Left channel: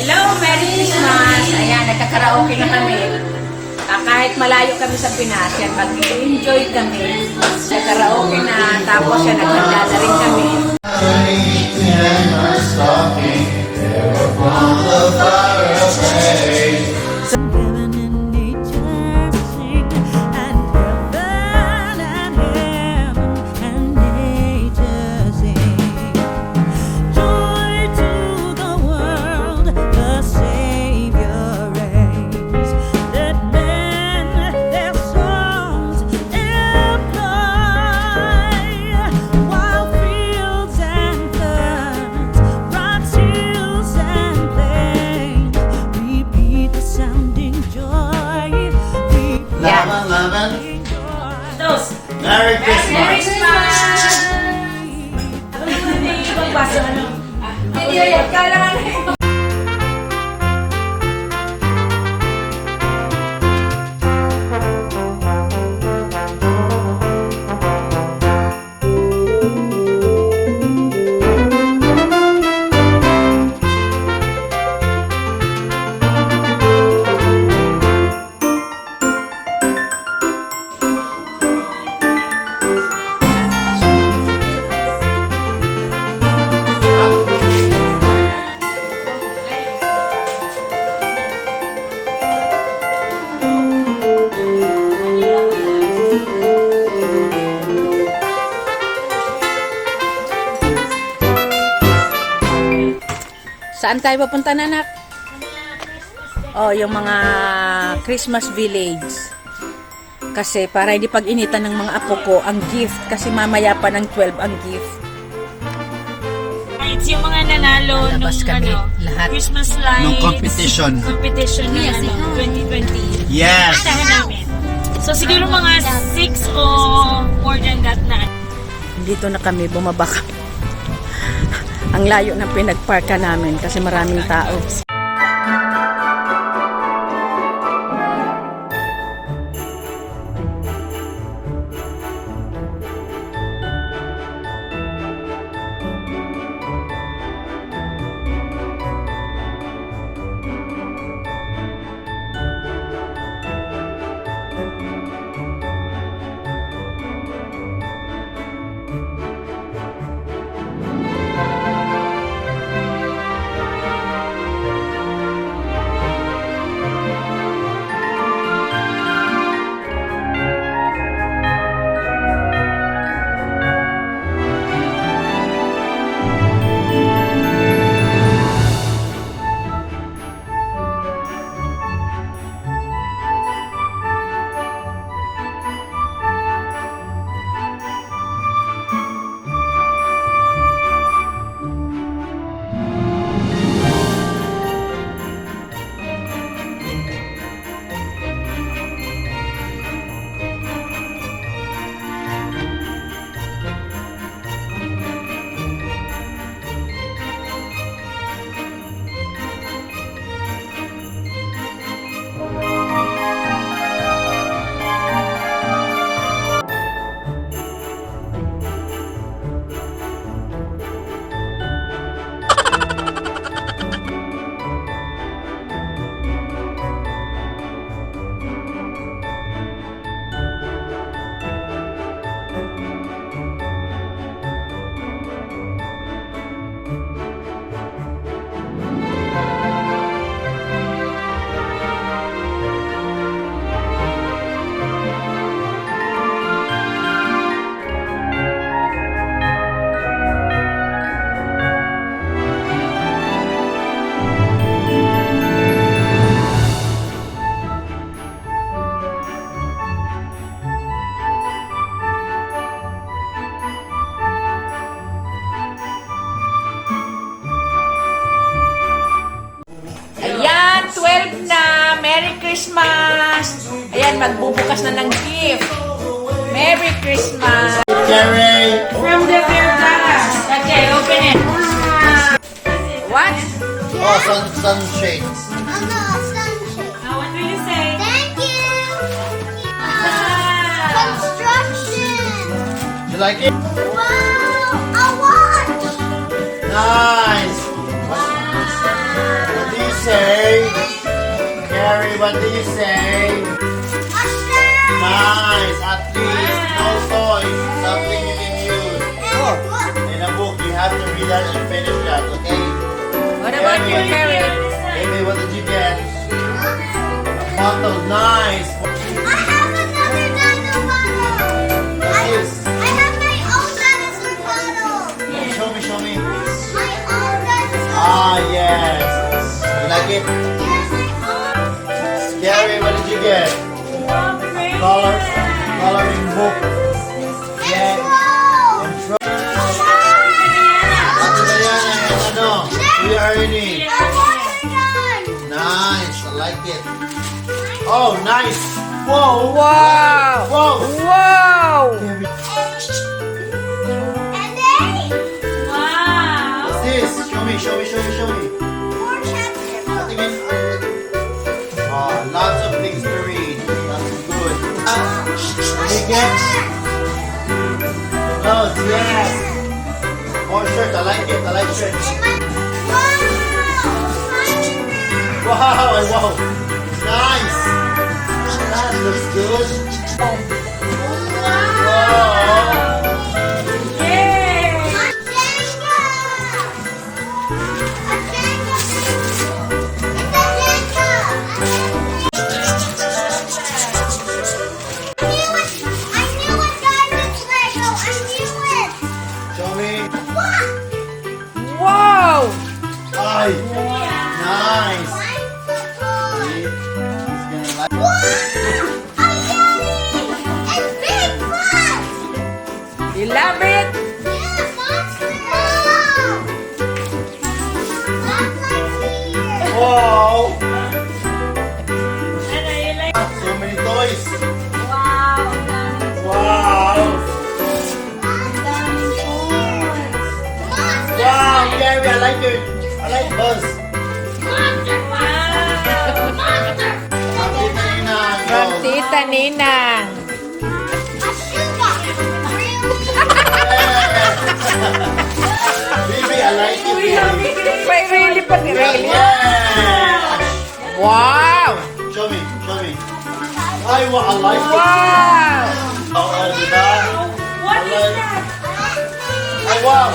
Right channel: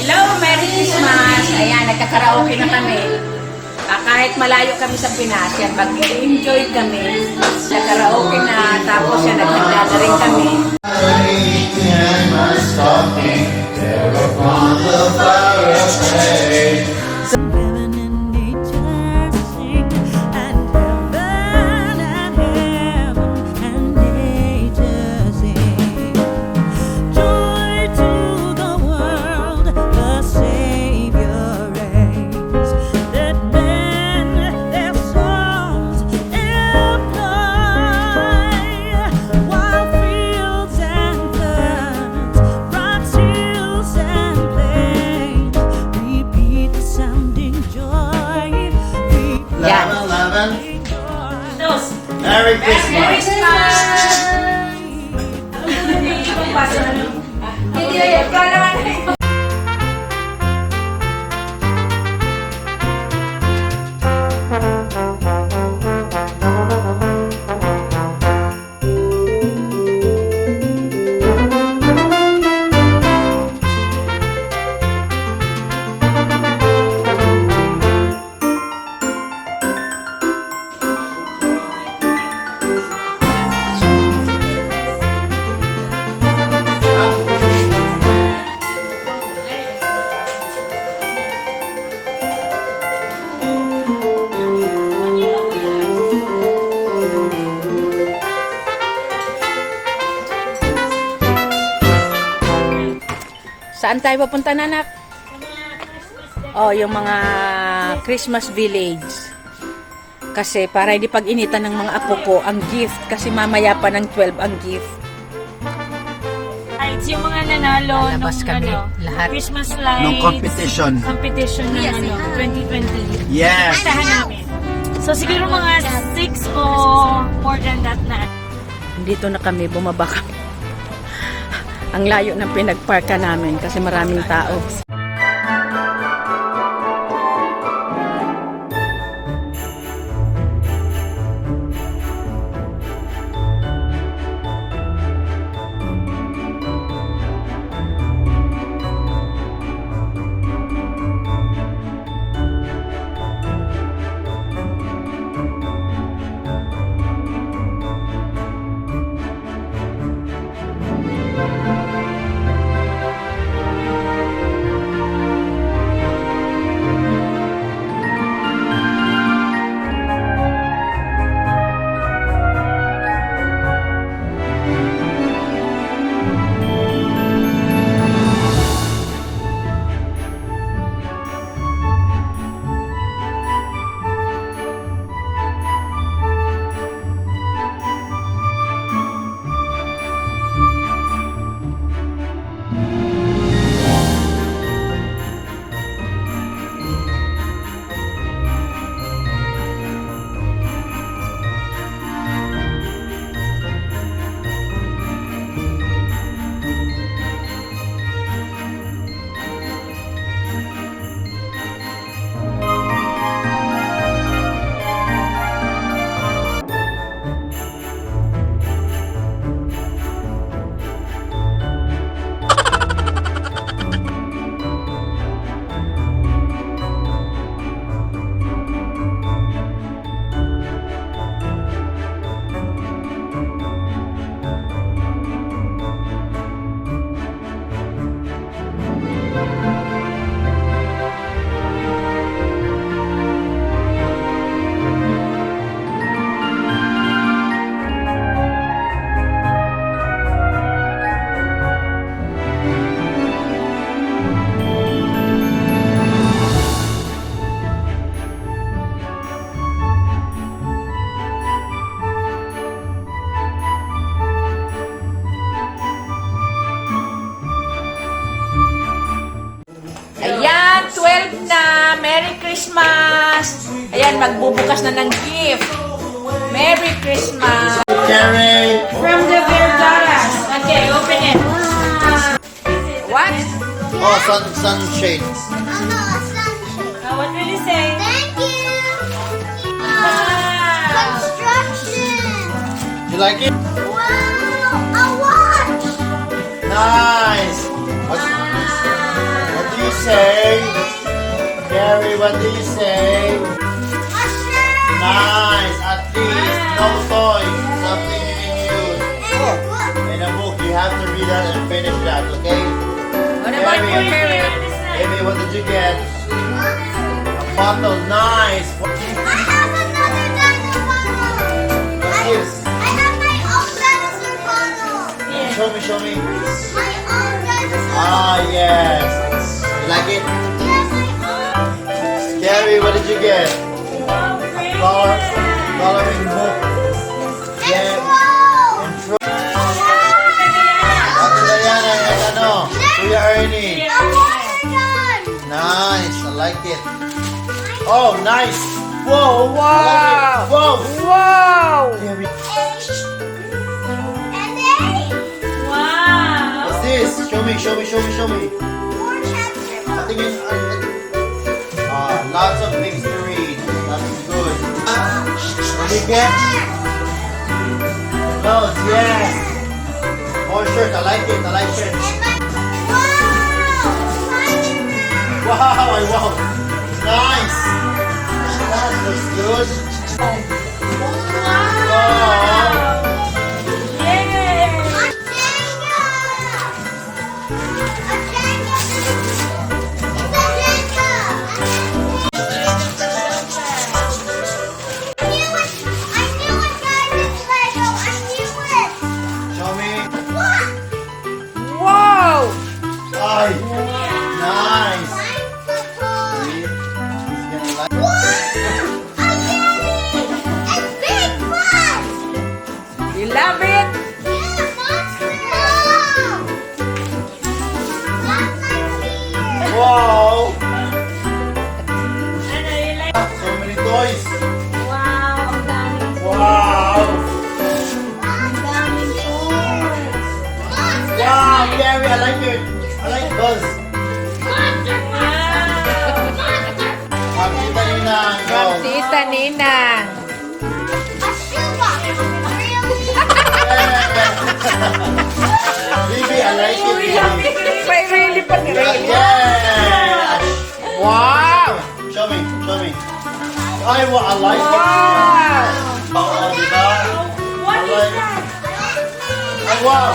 Hello, Merry Christmas! Ayan, nagkakaraoke na kami. Kahit malayo kami sa Pinas, yan, mag-enjoy kami. Nagkaraoke na, tapos yan, naghanda na rin kami. Merry Christmas! Merry Christmas! Saan tayo papunta, anak? Oh, yung mga Christmas village. Kasi para hindi pag-initan ng mga apo ko ang gift. Kasi mamaya pa ng 12 ang gift. It's yung mga nanalo nung lahat. Christmas lights. Nung competition. Competition ng 2020. Yes! Puntahan namin. So siguro mga 6 o more than that na. Dito na kami bumabak. Ang layo ng pinagparka namin kasi maraming tao. Ayan, 12 na. Merry Christmas! Ayan, magbubukas na ng gift. Merry Christmas! Jerry! From the Virgas. Okay, open it. What? Oh, sunshade. Now what will you say? Thank you. Ah. Construction. You like it? Wow, a watch. Nice! What do you Gary, what do you say? Nice. At least, no toys. Something you can use. Oh, In a book, you have to read that and finish that, okay? what about you, Mary? Amy, what did you get? A bottle. Nice. Show me. Ah, yes. You like it? Gary, what did you get? Coloring book. Yeah. Control. Diana, ano? We are earning. Nice. I like it. Oh, nice. Whoa. Wow! Whoa. Wow! Gary, Wow. what's this? Show me. Tingin. Lots of things to read. That's good. What do you get? Nose, yes. More shirt. I like it. I like shirts. Wow. Nice. That looks good. Wow. Show me. Wow! Ay. Nice. See? He's gonna like You love it? Wow. Ano yun like? So many toys. Wow. Wow. Wow, Gary, I like it. I like Buzz. Nakita niyo na. Go. Kita, Ninang. Baby, I like it, baby. May really pa ni really. Yeah. Wow! Show me. Ay, wow, I like it. Wow! Oo, diba? What is that? Ay, wow.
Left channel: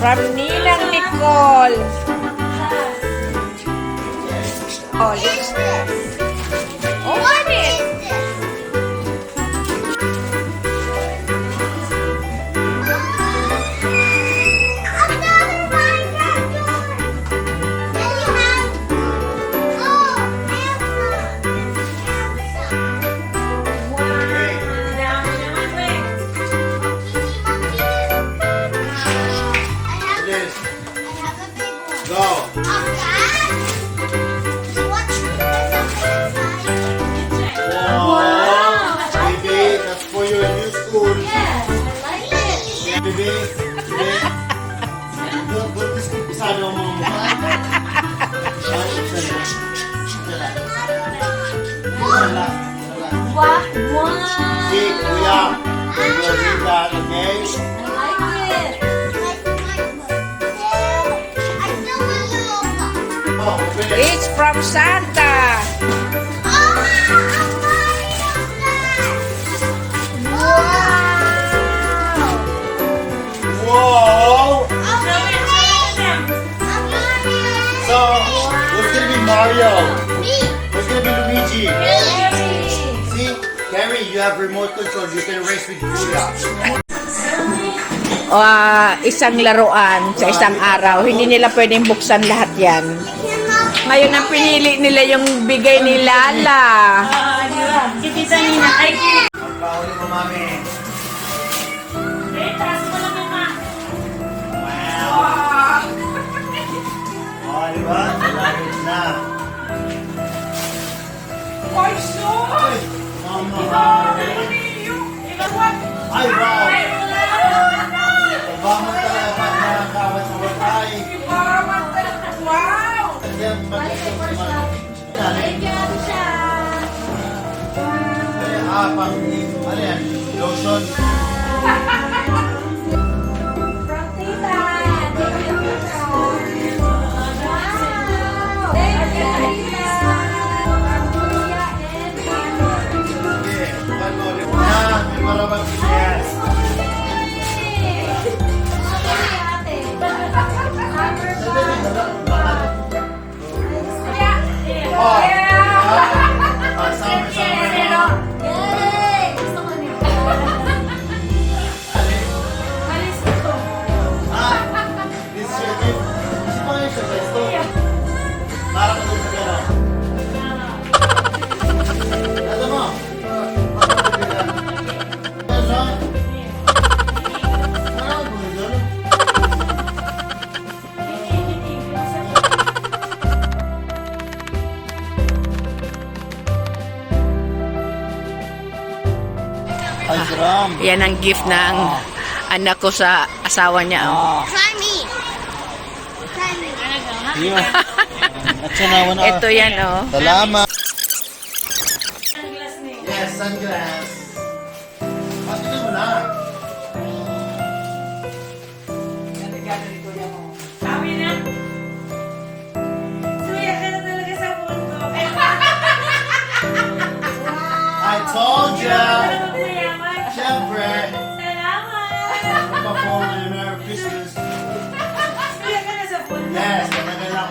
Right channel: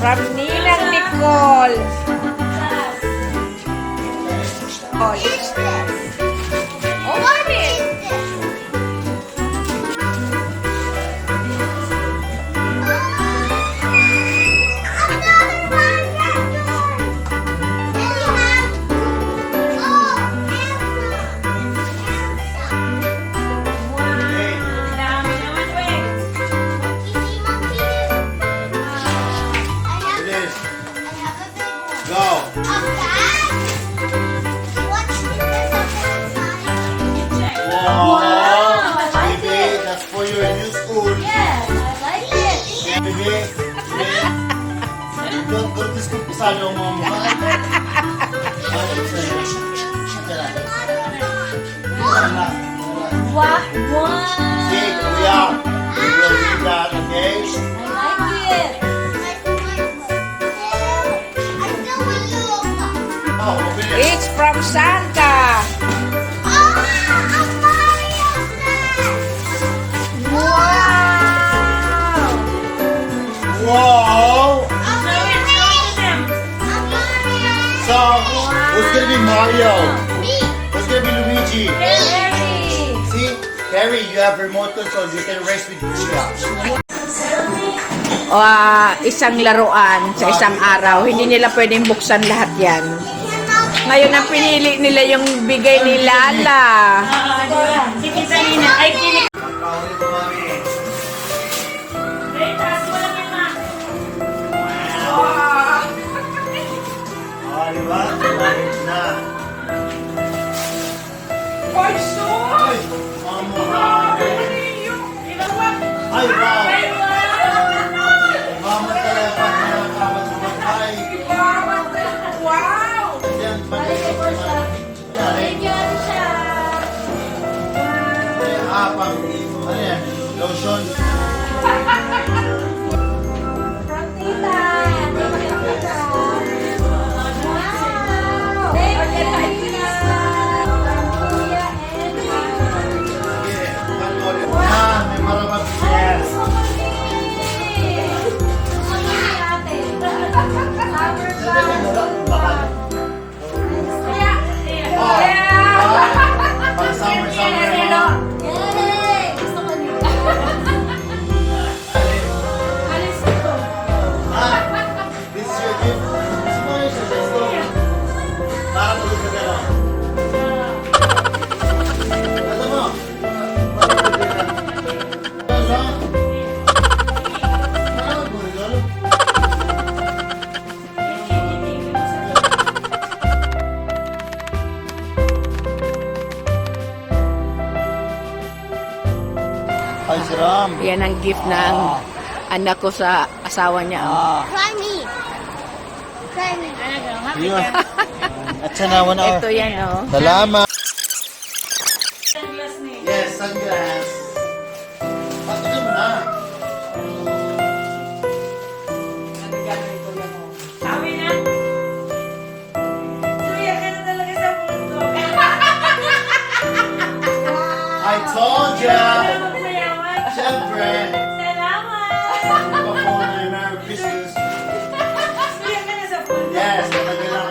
From Ninang Nicole. Oh, Dami naman, wait. It is. Go. Wow. Baby, that's for your new school. Baby. Don't just keep beside your mom. Wow. Okay, kuya. We will read that, okay? Oh, finish. it's from Santa. Whoa! So, what's gonna be Mario? What's gonna be Luigi? See? Carrie, you have remote control. You can race with Kuya. Isang laruan sa isang araw. Hindi nila pwedeng buksan lahat yan. Ngayon ang pinili nila yung bigay ni Lala. Kikita nina. Ay, kinig. Panguli ko, mami. Eh, taas mo lang yung mga. Oh, diba? Malapit na. Ay, so? Ay, mama. Ay, wow. Mama talaga nakakabat sa batay. Wow! Yan, bagay ko naman. Pang, ano yan? Lotion. Yan ang gift ng anak ko sa asawa niya. Oh. Try me. Try me. Yun. At siya naman Ito yan, oh. Salamat. Sunglass niya. Yes, sunglass. Patigin mo na. Sabi na. Suya ka na talaga sa mundo. I told ya. Mayaman. Siyempre. Salamat. Nagpa-phone na Merry Christmas. Suya ka na sa mundo. Yes, matagal na